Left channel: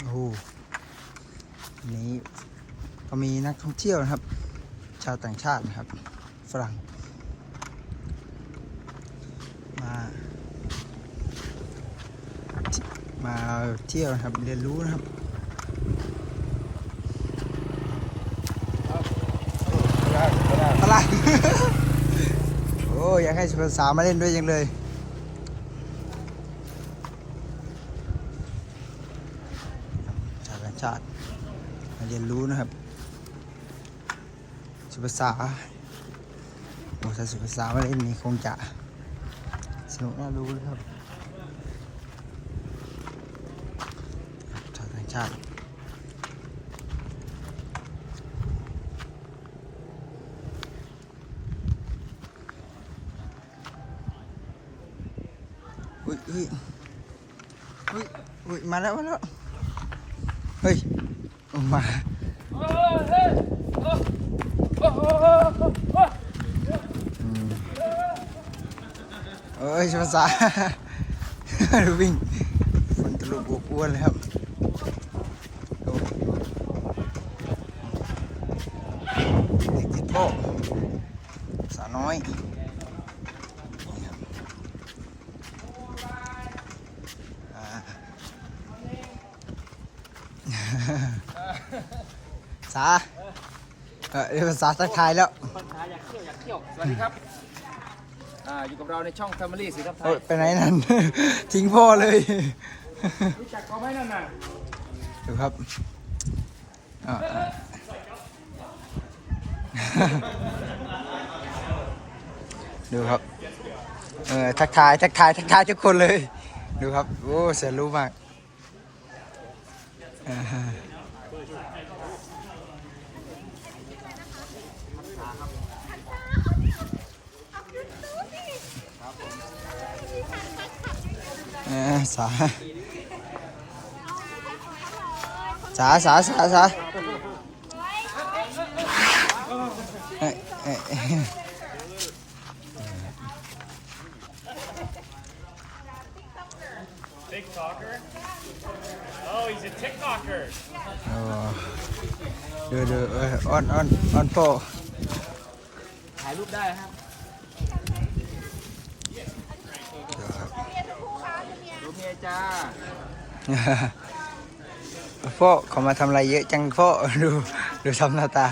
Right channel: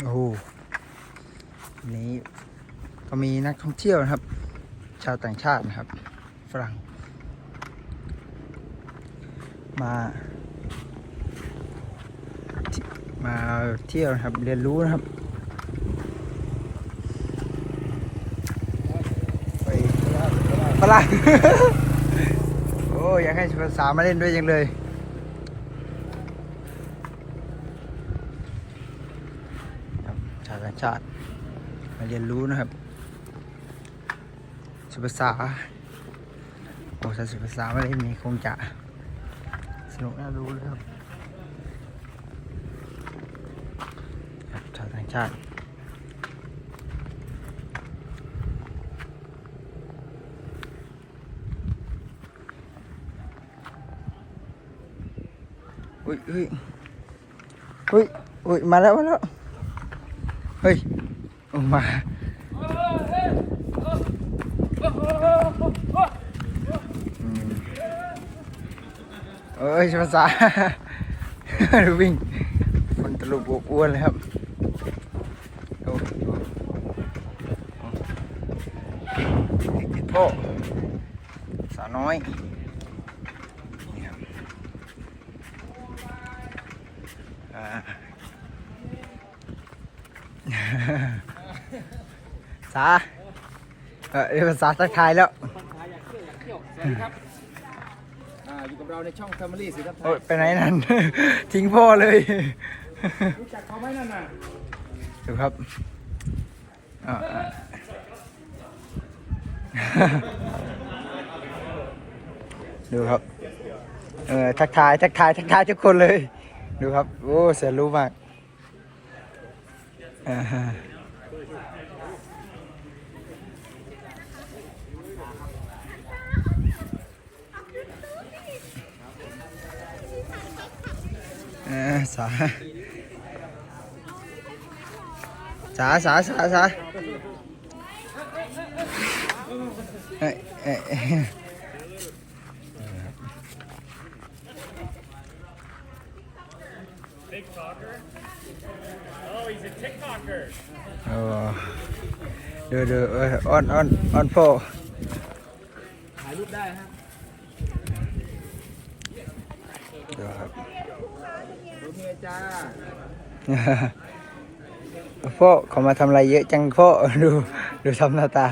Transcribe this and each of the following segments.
โอ้โหวันนี้ก็มีนักท่องเที่ยวนะครับ ชาวต่างชาตินะครับ ฝรั่ง มา มาเที่ยวนะครับ เรียนรู้นะครับฝรั่งโอ้อยากให้ภาษามาเล่นด้วยยังเลย ครับาวต่างชาติมาเรียนรู้นะครับสุภาษาโอ้ถ้าสุภาษามาเล่นนี่คงจะสนุกน่ารู้เลยครับครับชาวต่างชาติอุ้ยอุ้ยอุ้ยอุ้ยมาแล้วมาแล้ว เฮ้ยออกมาเอ้ยภาษาดูวิ่งคนตลุกบอ้วนเลยครับดูเด็กติดโป้สาวน้อยนี่ครับอ่า สาเออเรียกภาษาทักทายแล้วคนขายอยากเที่ยวอยากเที่ยว สวัสดีครับ อ่า อยู่กับเราในช่อง Family สีทับไทโอ้ยยไปไหนนั่น ทิ้งพ่อเลย รู้จักเขาไหมนั่นน่ะดูครับอ่าอ่าดูครับ เออทักทายทักทายทักทายทุกคนเลย ดูครับ โอ้เสียรู้มาก อ่าฮะเออสาสาสาสาสาเอ้ยเอ้ย อ้ยโอ้ดูดูเอ้ยอ้อนอ้อนอ้อนพ่อถ่ายรูปได้ครับดูครับรูปเมียจ้าพ่อเขามาทำอะไรเยอะจังพ่อดูดูทำหน้าตา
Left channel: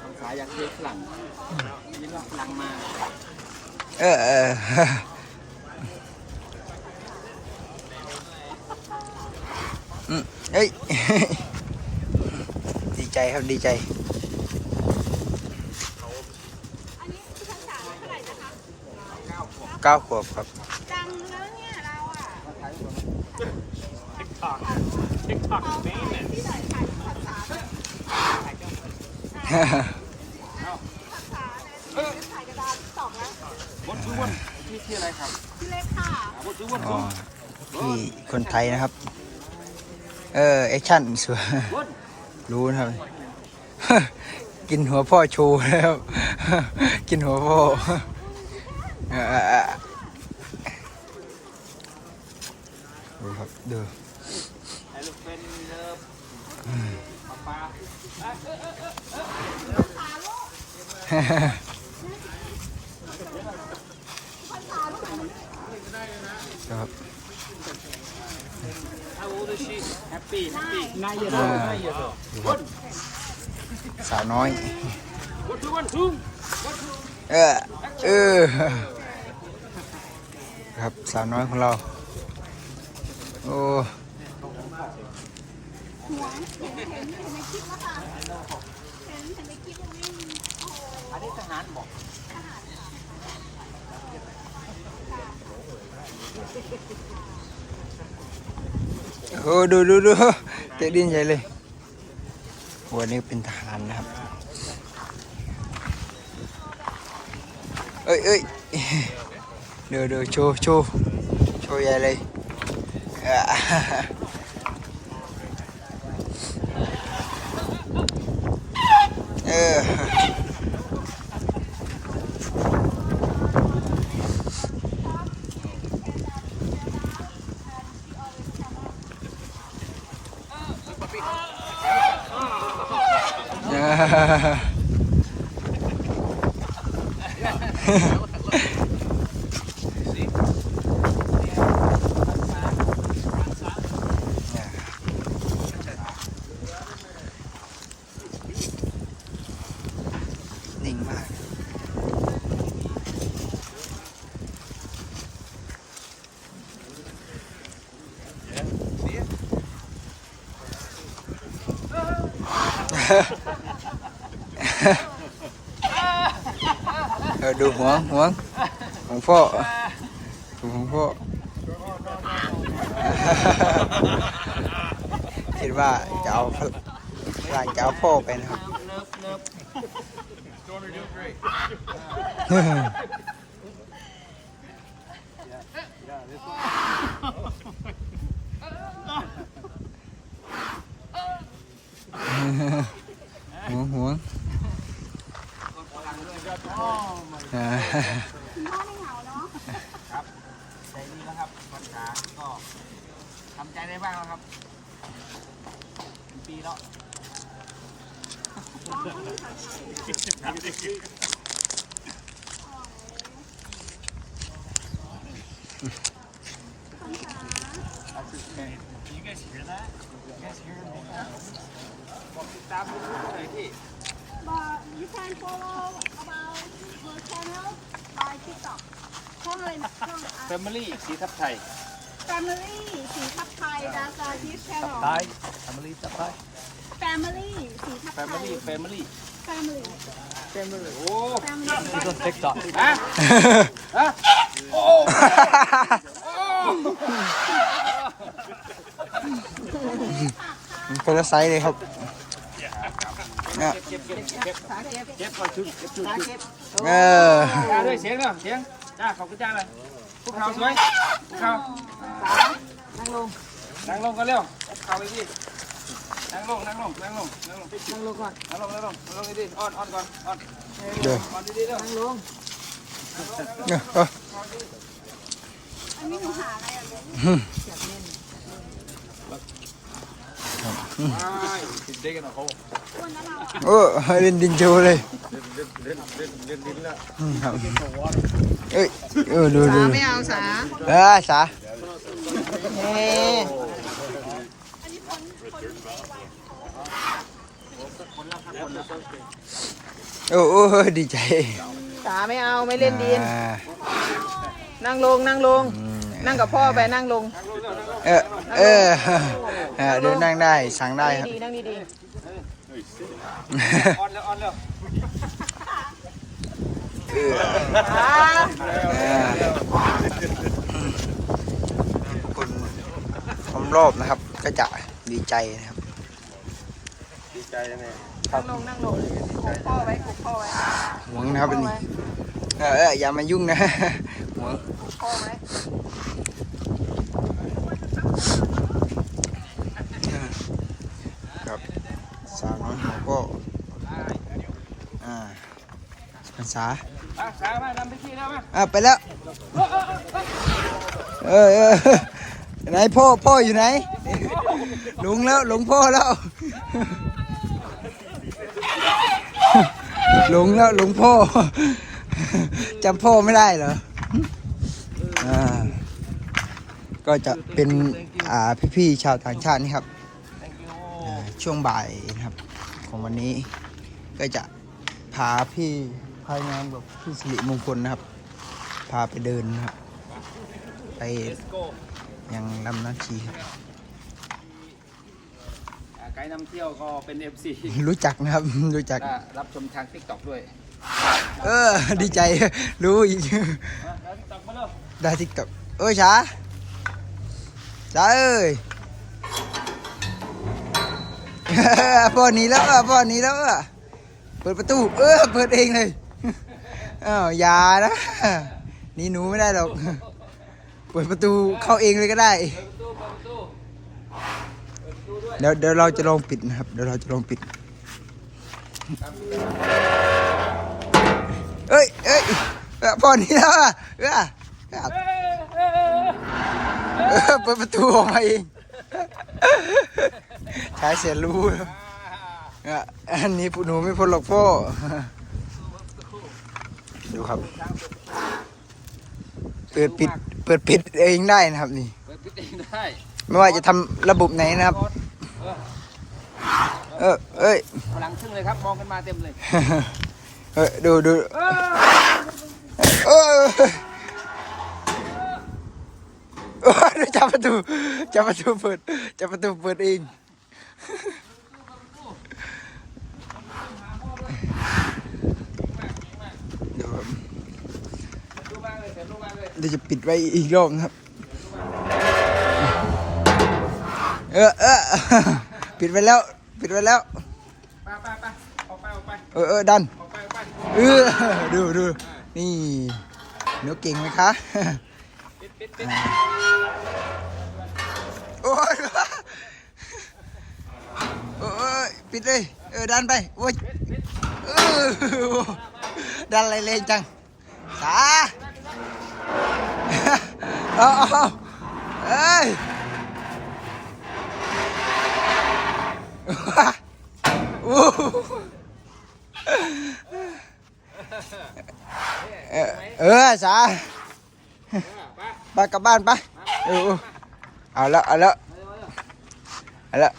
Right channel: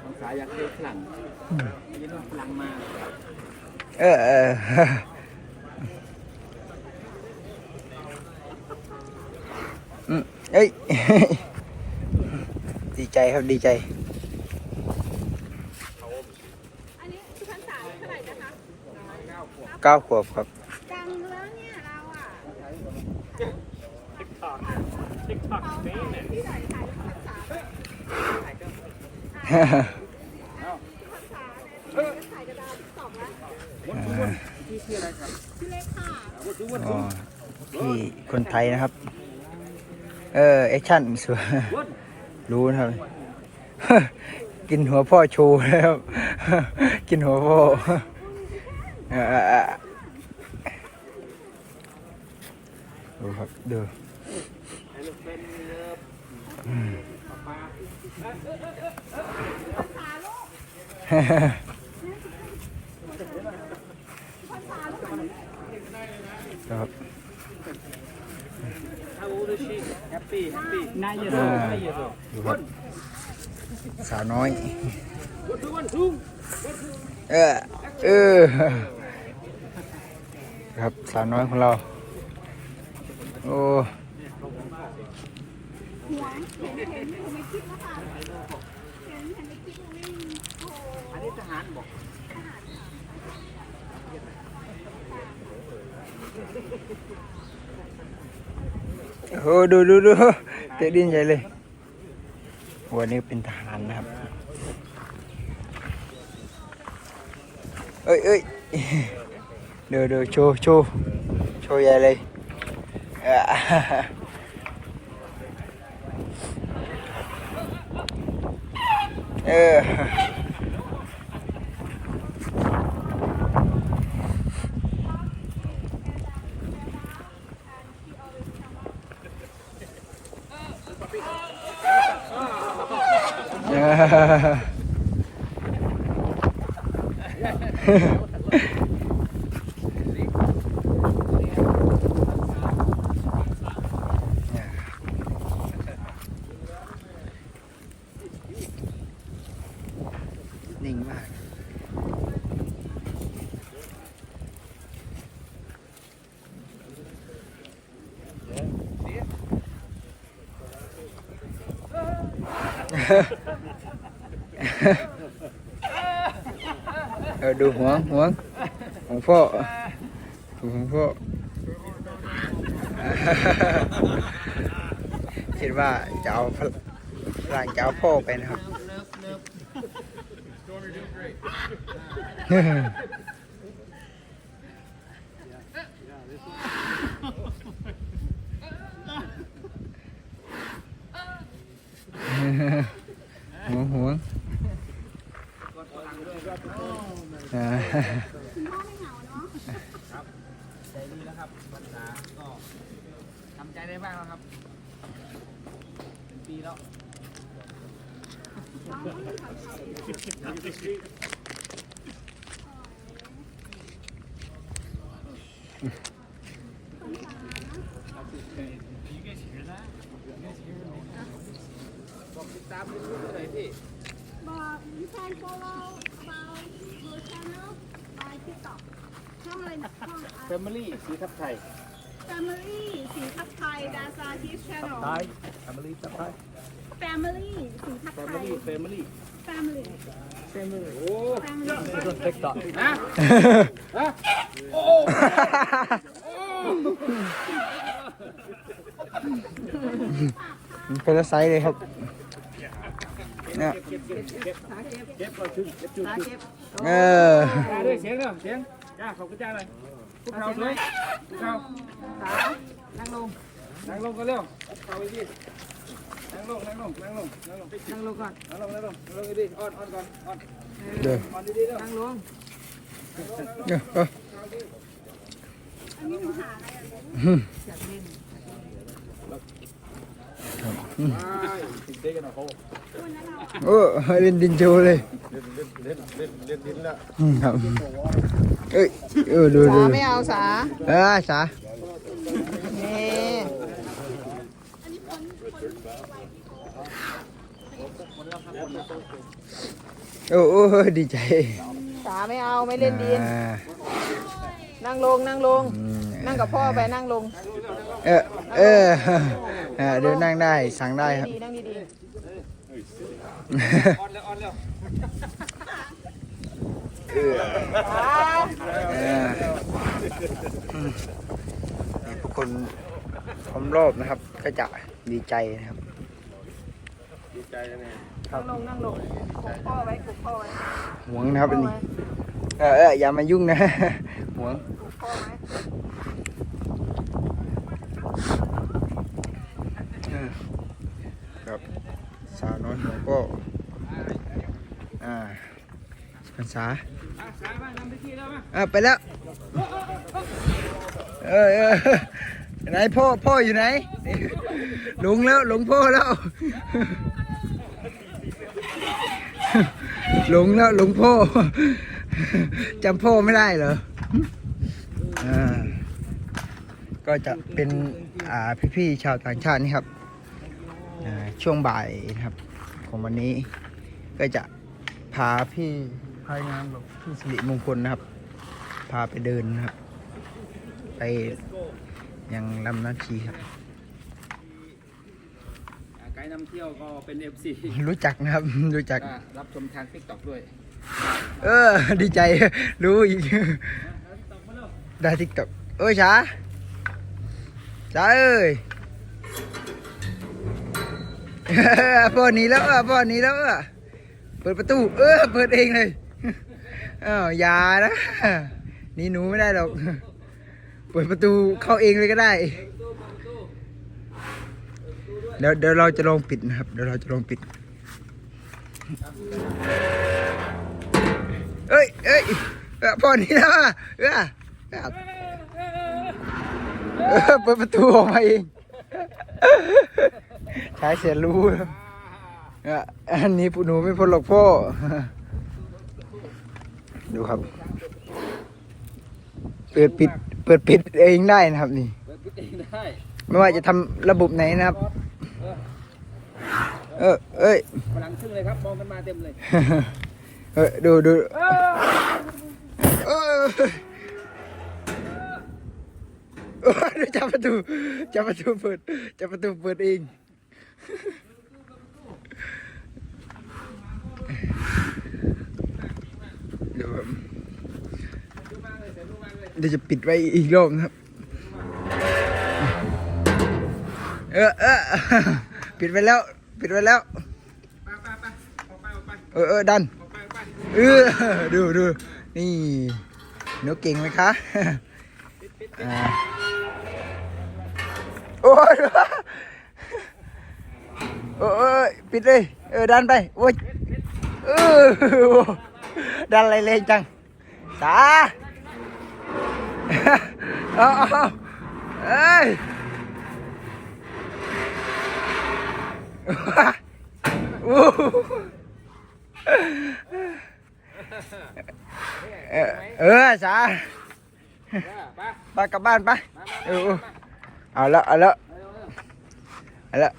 คนขายอยากเที่ยวฝรั่งได้ยินว่าฝรั่งมา เออเอออืมเอ้ย ดีใจครับดีใจอันนี้ที่พรรษาเท่าไหร่นะคะเก้าขวบครับดังแล้วเนี่ยเราอะที่ไหนขายพรรษาแบบพรรษาในที่ถ่ายกระดาษติ๊กต็อกแล้วบดทุกคนที่ชื่ออะไรครับพี่เล็กค่ะบดทุกคนอ๋อพี่คนไทยนะครับ เออแอคชั่นสวยบด รู้นะครับ กินหัวพ่อโชว์แล้วกินหัวพ่อเออเออเออดูครับดูถ่าเป็นเลิฟปลาปลา ครับ โอ้ดูชีแฮปปี้แฮปปี้นายเย อะนายเยอะดูครับสาวน้อยบดทุกคนทุ่งเออเออครับสาวน้อยของเรา โอ้ โอ้โหดูดูดูเตะดินใหญ่เลยวันนี้เป็นทหารนะครับ เอ้ยเอ้ยเดูดูโชว์โชว์โชว์ใหญ่เลยอะเออ เออ เนี่ยนิ่งมากเออดูหัวหัวของพ่อดูของพ่อคิดว่าจะเอาพลางจะเอาพ่อไปนะครับหัวหัว อ่าใจดีนะครับปัญหาก็ทำใจได้บ้างแล้วครับ เป็นปีแล้วตามดูหน่อยที่ But you can follow about her channel by TikTok ช่องอะไรนะช่อง Family สีทับไทย Family สีทับไทย That's a this channel ไทย Family ทับไทย Family สีทับไทย Family Family Family Family โอ้ Family ติ๊กต็อกฮะ ฮะ โอ้ คนละไซส์เลยครับ เนี่ยเก็บเก็บเก็บเก็บก่อนชุดเก็บชุดชุดเอออ่าด้วยเสียงเนาะเสียงจ้าขอบคุณจ้าเลยพวกเขาสวยพวกเขานั่งลงนั่งลงกันเร็วพวกเขาอีกทีนั่งลงนั่งลงนั่งลงนั่งลงนั่งลงก่อนนั่งลงนั่งลงนั่งลงดีๆอ่อนอ่อนก่อนอ่อนเดี๋ยวอ่อนดีๆเด้อนั่งลงเนี่ยเอออันนี้หนูหาอะไรอะวันนั้น เราโอ้เล่นดินโชว์เลยอืมครับเอ้ยเออดูดูไม่เอาสาเออสาเน่โอ้โอ้ดีใจสาไม่เอาไม่เล่นดินอ่านั่งลงนั่งลงอืมนั่งกับพ่อไปนั่งลง เออเออ เออเดินนั่งได้สั่งได้ครับดีนั่งดีอ่อนแล้วอ่อนแล้วเออเออให้ทุกคนพร้อมรอบนะครับ ก็จะดีใจนะครับๆนั่งลงนั่งลงกดพ่อไว้กดพ่อไว้หวงนะครับอันนี้เออเอออย่ามายุ่งนะหวง พ่อไว้เออครับสาวน้อยหัวก็อ่าภาษาอะสาวมานำไปที่แล้วมาอะไปแล้วเออเออไหนพ่อพ่ออยู่ไหนหลงแล้วหลงพ่อแล้วหลงแล้วหลงพ่อจำพ่อไม่ได้เหรออ่าก็จะเป็น อ่า พี่ๆชาวต่างชาตินี่ครับอ่า ช่วงบ่ายนะครับ ของวันนี้ก็จะพาพี่พายงานแบบพี่สิริมงคลนะครับ พาไปเดินนะครับ ไปยังลำน้ำชีครับอ่าไกด์นำเที่ยวก็เป็น FC รู้จักนะครับรู้จักก็รับชมทาง TikTok ด้วย เออ ดีใจรู้อีกอะแล้ว TikTok มาเร็วได้ทิกตอกเอ้ยช้าช้าเอ้ย พ่อหนีแล้วอะพ่อหนีแล้วอะเปิดประตู เออเปิดเองเลยอ้าวอย่านะหนี่หนูไม่ได้หรอก เปิดประตูเข้าเองเลยก็ได้ เดี๋ยวเดี๋ยวเราจะลองปิดนะครับ เดี๋ยวเราจะลองปิด เอ้ยเอ้ยอ้ยพ่อหนี่แล้วอะเออเปิดประตูออกมาเอง ใช้เสียรู้ครับอะอันนี้หนูไม่พ้นหรอกพ่อ ดูครับ เปิดปิด เปิดปิดเองได้นะครับนี่เปิดพิธีได้ไม่ว่าจะทำระบบไหนนะครับ เออเอ้ย หลังขึ้นเลยครับ มองกันมาเต็มเลย เออดูดูเออโอ้ยจับประตูจับประตูเปิดจับประตูเปิดเอง ดูครับดูมากเลยเสียดูมากเลยเดี๋ยวจะปิดไว้อีกรอบนะครับ เออเออปิดไว้แล้ว ปิดไว้แล้ว ไปไปไปออกไปออกไปเออเออดัน ออกไปออกไปเออดูดูนี่หนูเก่งไหมคะปิดปิดปิดอ่าโอ้ย โอ้ยปิดเลย เออดันไปโอ้ยเออดันอะไรเลยจังสาเอาเอาเอ้ยเออสาไปกลับบ้านไปเอาละเอาละเอาละ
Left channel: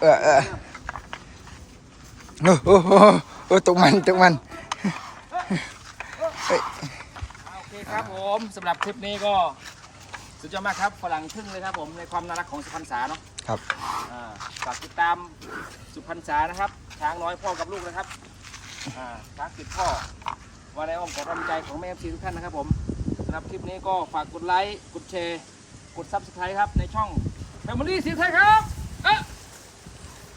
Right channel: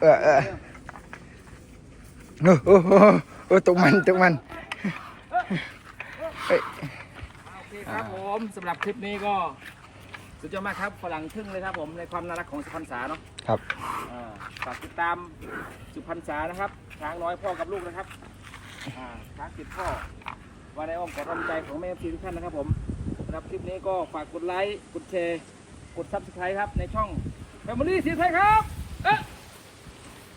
เออเออโอ้โหโอ้ตกมันตกมันเฮ้ยโอเคครับผมสำหรับคลิปนี้ก็สุดยอดมากครับฝรั่งทึ่งเลยครับผมในความน่ารักของสุพรรณษาเนาะครับอ่าฝากติดตามสุพรรณษานะครับช้างน้อยพ่อกับลูกนะครับอ่าช้างติดพ่อวันในอ้อมขอกำลังใจของแม่ซีทุกท่านนะครับผมสำหรับคลิปนี้ก็ฝากกดไลค์กดแชร์กดซับสไครต์ครับในช่อง Family สีไทยครับ